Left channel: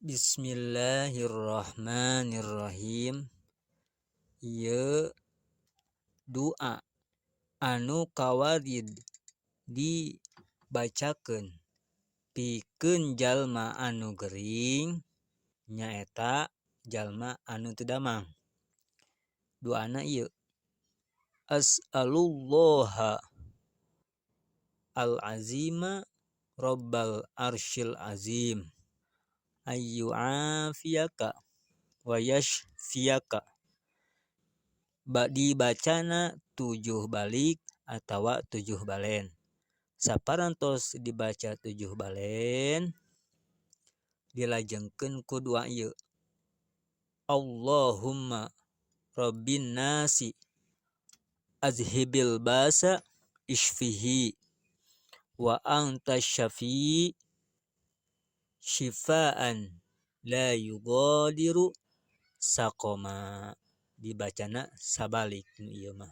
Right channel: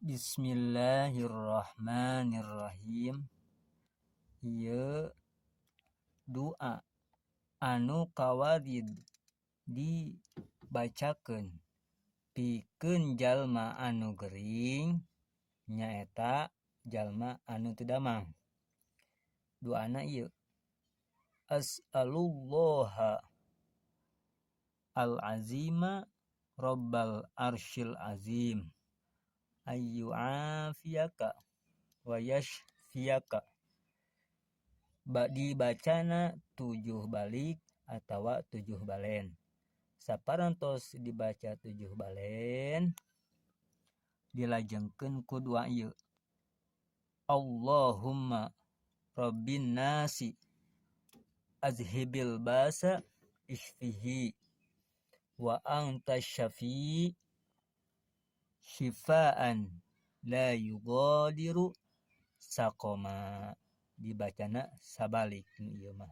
Bismillahirrahmanirrahim. Ieu doa anu kawarid dibacakeun pikeun jalma anu gering nyaeta jalma anu teu damang. Doana ieu, as'alullaha al-azima rabbal arsyil azim ayyu'afiyaka wa yashfiyaka. Dibacana 7 balik atawa 7 balen. Saparantos dibaca 7 balen, dilajengkeun ku doa ieu. Allahumma rabbin nasi azhibil basa ishfihi wa anta syafi syifaan la yughadiru saqoma. Dibacana sabalik ieu mah.